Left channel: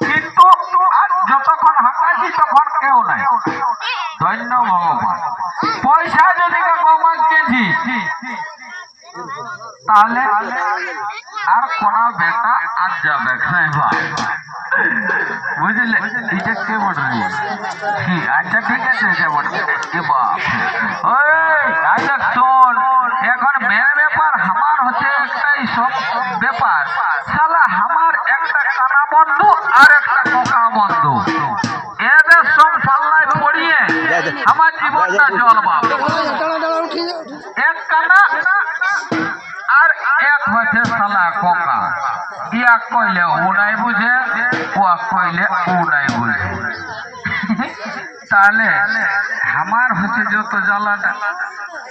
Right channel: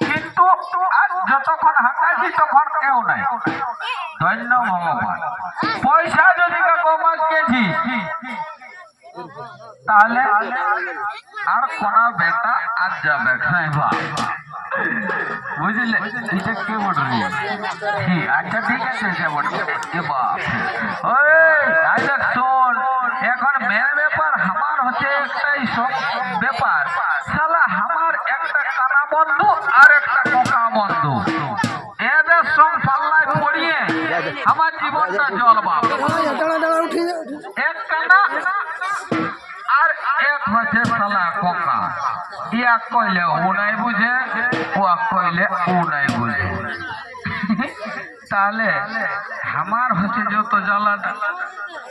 কিন্তু যতক্ষণ হাঁকাইছি কেউ নাই। পয়সা যদি কাকু মাগেছি তাহলে আর কোন বেটা আজ যাবে খাইবা বুঝলে? এটা কে বটরি আচ্ছা ঠিক আছে যে বটরি এ বাপ ওই দেখ শোন এখন মেয়ের ব্যাপার আমার হচ্ছে একটাই সব ব্যাপার। শালা আমার একটা কানা বন্ধু আর একটা কোকা বন্ধু। এদের সব পাল্লায় পড়িয়ে আমার জীবনটা জলবা এক কানা হচ্ছে শালা কোকা। ইয়া কইলে ও নাই বুঝে ও কইলে ও নাই বুঝে তাহলে আমার হচ্ছে যত জ্বালাটা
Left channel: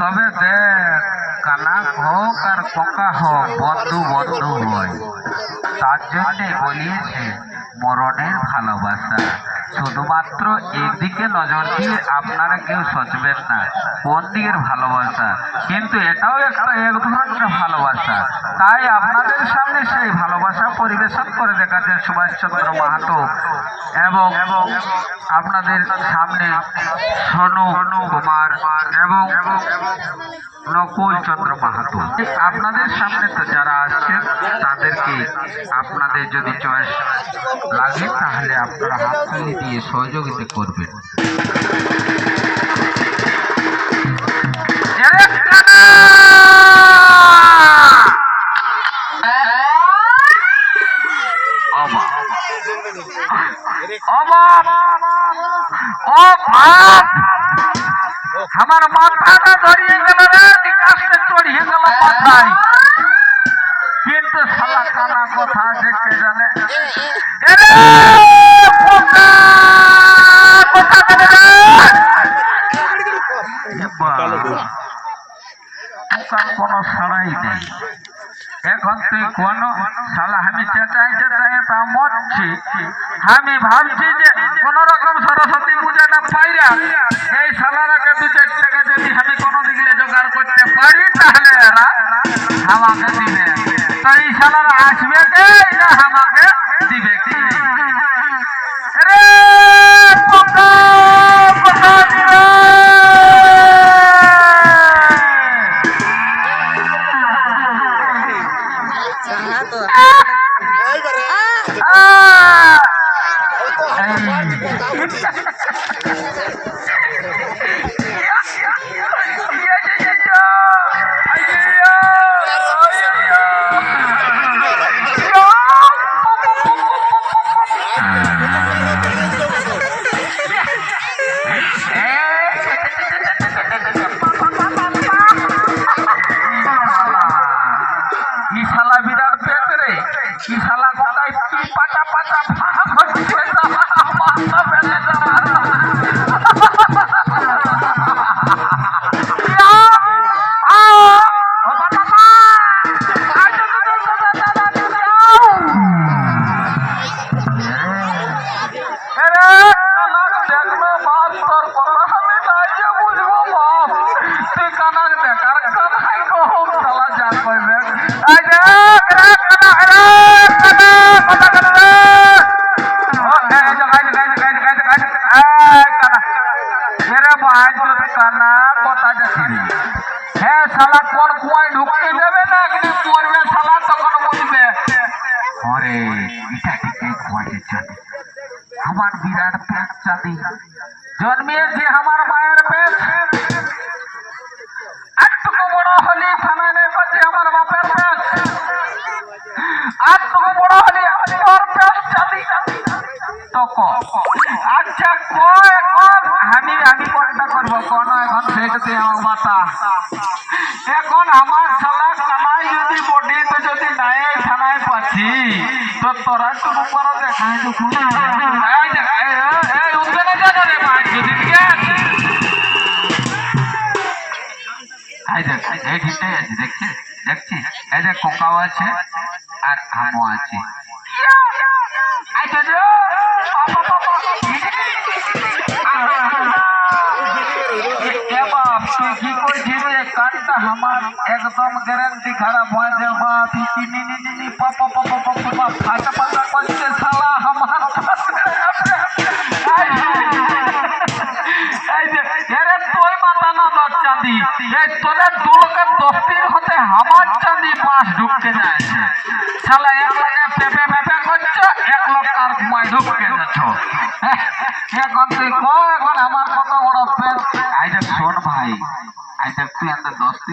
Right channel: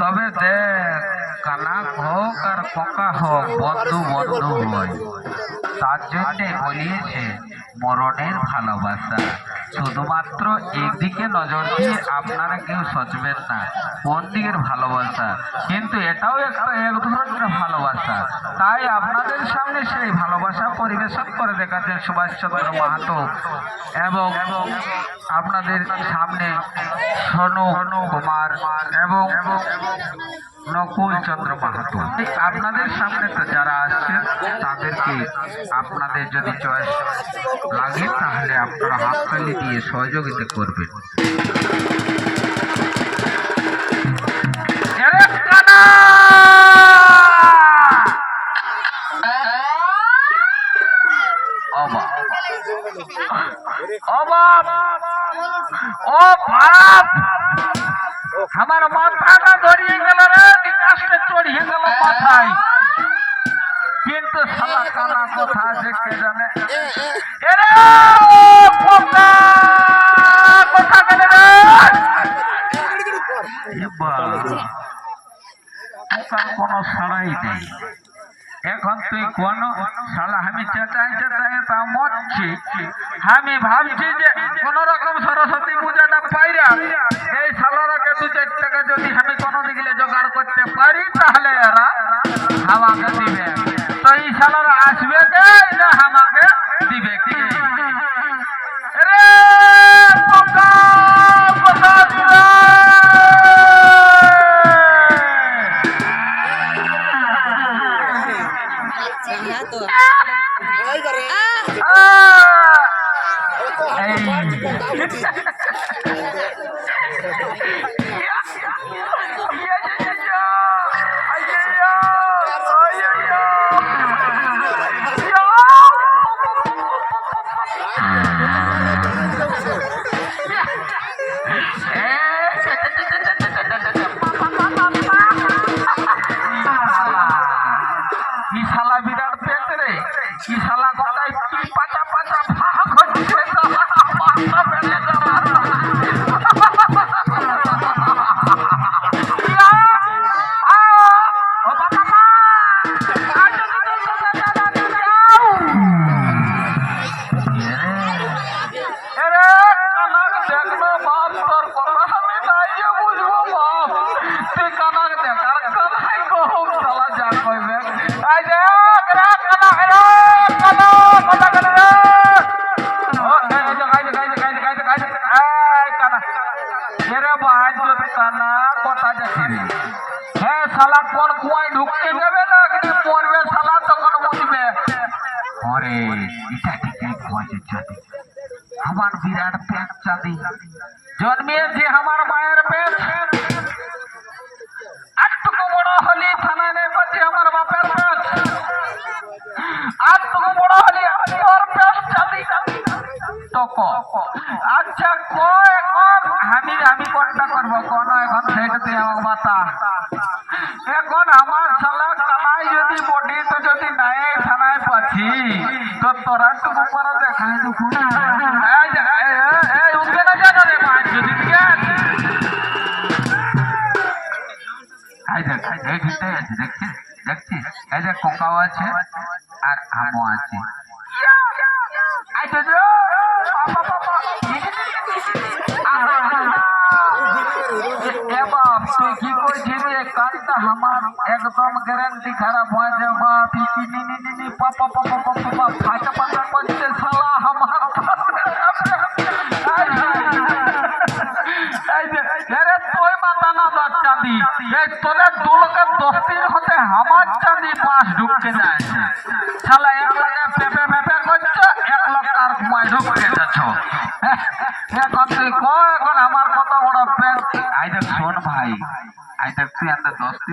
তবে দেখ কানা হোক আর কোকা হোক বন্ধু বন্ধু হয়। তার জন্যে বলিয়েছে মরণের ভালোবাসা। শুধুমাত্র একদিকে নজর দিয়ে আপনারা কেউ সচবেন না। কোন দিকের ভালোবাসা। কিন্তু এটাও একটা এক ধরনের ভালোবাসা। তাই আপনাদের সামনে সেই ভালোবাসা পরিবেশন করে দেখাচ্ছেন সুভাষচন্দ্র মাহাতো এবং এবং আপনাদের সামনে সোনু কুমার এবং নকুল চন্দ্র মাহাতো। আপনাদের সামনে তো যারা আসছে তাদেরকে আপনাদের যদি চয়েস লাগে তাহলে আপনারা হাততালি দিয়ে সহযোগিতা করবেন। আমার মাথাটা গেল কিন্তু শালা কানা কথা দেখতে জানে? কোনো সাড়াই নেই। এখন তুই কোন শালা আমি চেঁচাই চেঁচাই তা মরছি। আমি ভাবছি যে কোন রকম সরস্বতী পূজাটা পাইরা এই শালারাকে দু চার টাকা যদি আমি কোনো দিকে জোগাড় করতে পারি, তাহলে এরা আমাকে দিবে তো এটা ঠিকই খোঁজে চাঁদি আমার বিরাট পেট চাঁদি। জন্মিয়েছে আমার মায়ের পেট আটটুকু বড় হলি থানায় পাচ্ছে আমার বাপের পেট আটটুকু বড় হলি তোর পেট চাঁদি। তো আচ্ছা ক এখন আমি আমি কোনটা করব? কোন এখন সেইটা তুই আমার মাতা এখন আমার শালা কানাই যদি বডি তো যদি নাই থানায় পাচ্ছি তো তোরা টুকু করে দেখাই যে, উঠবে না যা রে এই দেখ কোকাও আছে আর আমও আছে। আমার এই যে, এই যে, এরে তোর মাথা না বাদ চাঁদি এই তোদের দু লোকের দস্তির হতে আমার এক লোক যাচ্ছ এখন তুই কো এখন আমার কত বড় পেন আই শোন ভাই আই দেখ তুই এত দস্তি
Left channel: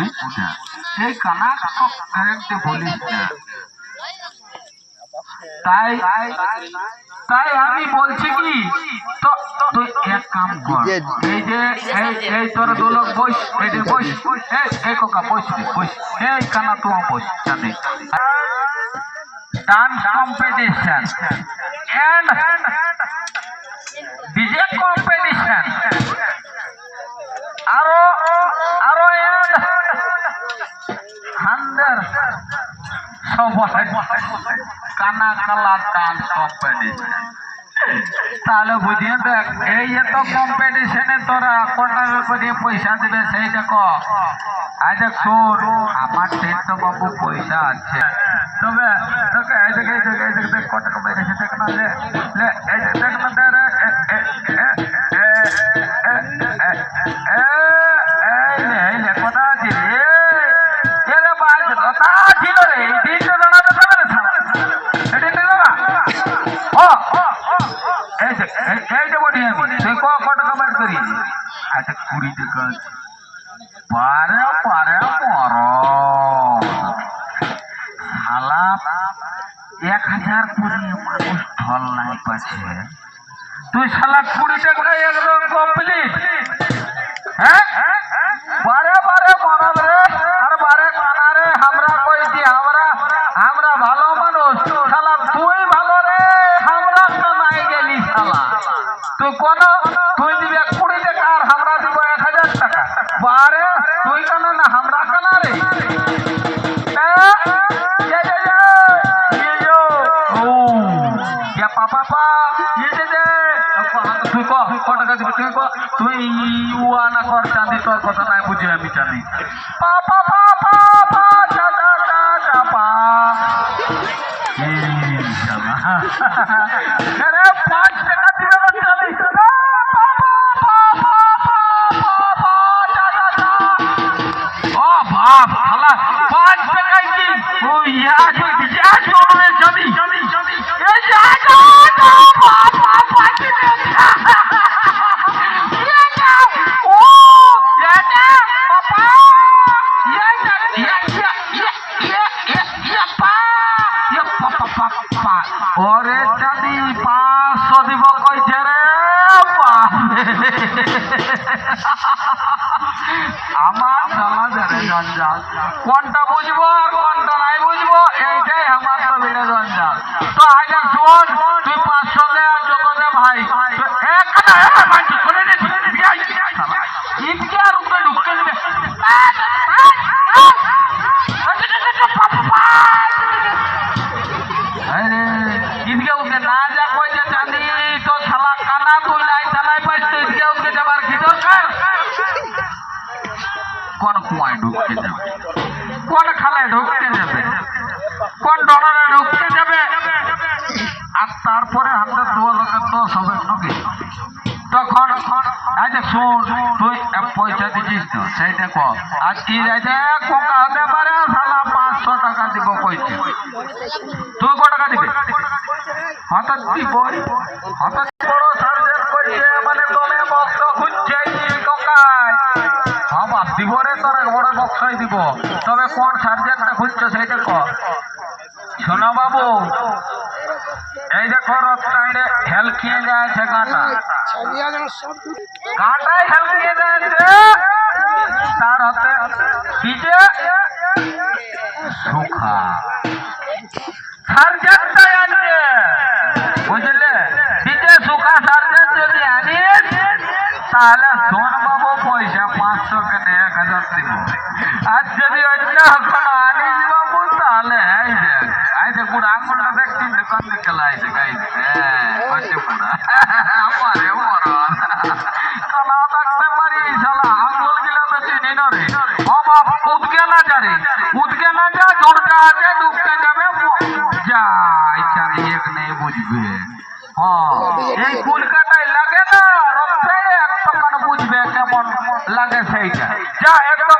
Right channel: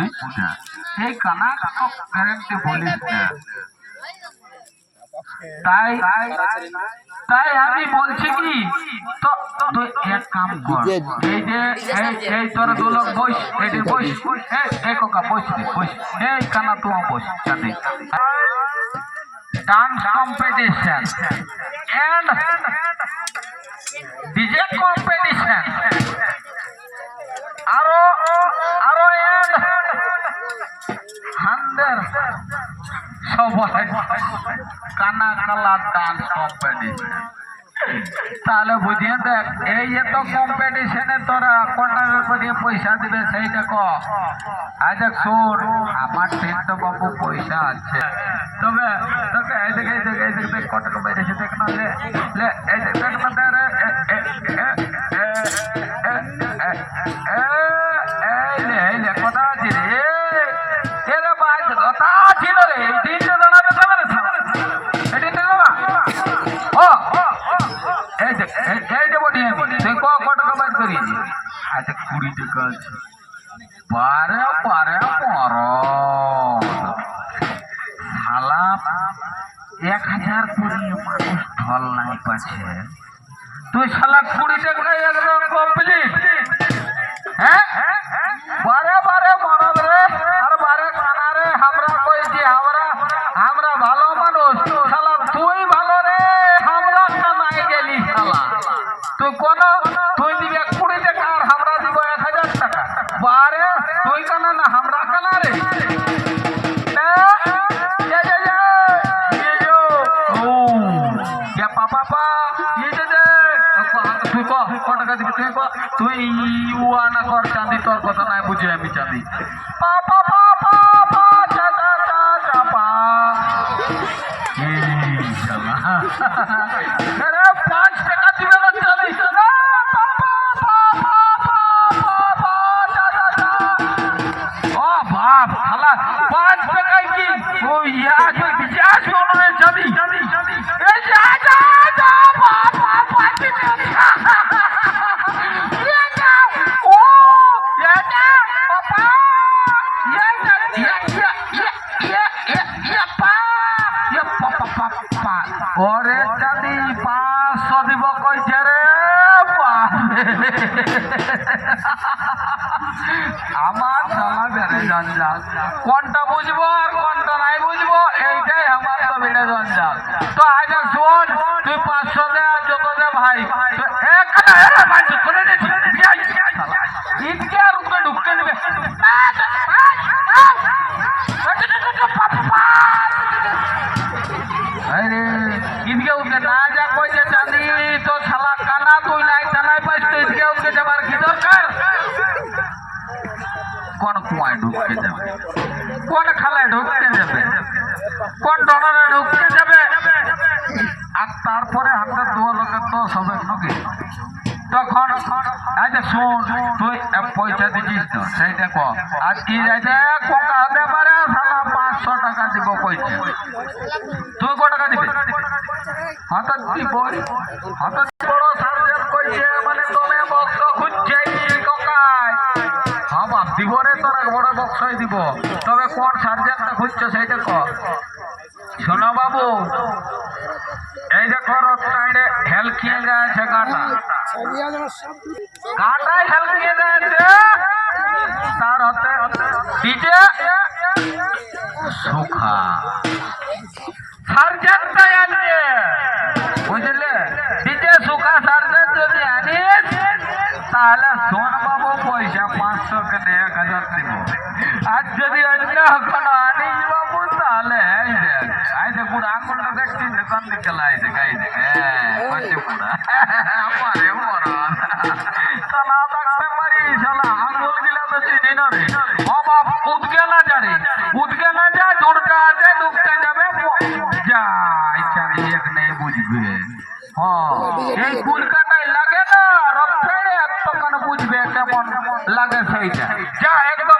বলিস না এই কানা গ্যারেন্টি বলিস না। তাই তাই আমি বলছি কি তো তুই এক কাম কর। এই যে এই এই তোর দোলক বস এই যে বস এই এই কোকা বস বস এই কানা তুই বস চাঁদি dance competition and DJ competition আরও আরও এন্ড হান্ডার কানা কালা কম্পিটিশন তাহলে বুঝিয়ে দেখ, এই এত কম্পিটিশনে তোরা কটা করে পয়সা দিবে সেইটা ক আজ দেখ, শোন, আমার টেন্ট বাবু পয়সা আছে। তবে তোকে এই দেখ এই দেখ এই দেখ দেখ কটা কমাই দেখে দেখ না, লে এই দেখ দেখ আচ্ছা কুড়ি টাকা আছে। পারে ইয়া পা পা পা, ये जे যে, তুই ক টাকা দিবি তুই ক তুই উয়া না কর চাঁদি তোর কথা নাই বুঝি আমি চাঁদি পাপা পা পা আমার সমাজের জঞ্জাল কোনটা বুঝব আর কোনটা নাই বুঝব, এইটাই আমার তো বেড়ে জঞ্জাল তো আগে শোন, তুই পাঁচশো দে আর যত দে ভাই। তো এক মানুষ শুনে কোন কুয়ায় ঢুকতে যাবে? কোন খালায় ঢুকতে যাবে কোন ডলারে ঢুকতে যাবে? আর তারপরে আমরা দু লোকের দোষ হবে নাকি? তখন আচ্ছা শোন, তুই পয়সা দিছিস তো, সেইটা ক। আর কি যাইতে কোকা হতে পারে, শালা পাঁচশো টাকা দিব কইছে। তুই ক টাকা দিবি? হঠাৎ দিব হঠাৎ বড় সার্জেন্ট কইছে মানে দমে বক্স খুঁজছে তোর বড় বক্সই দিব। তবে কোন সার্জেন্টটা খুঁজছো সেইটা শোনো বাবু, এই হেলকি লাগিয়ে তার হাতে সুখা। সার্জেন্টটা আনছে বুঝলে? ডিজে সুখা সার্জেন্ট যদি তাহলে সোন বাবু পয়সা পাঁচশো কেটে এক হাজার দিব আর যদি অন্য হ্যাঁ না রে। ও উদকে না যা উদকে নেই বুঝবে। হ্যাঁ এই লাগে না রফেড়ে তখন বুঝবে কেমন লাগে সেইটা। যা, একদম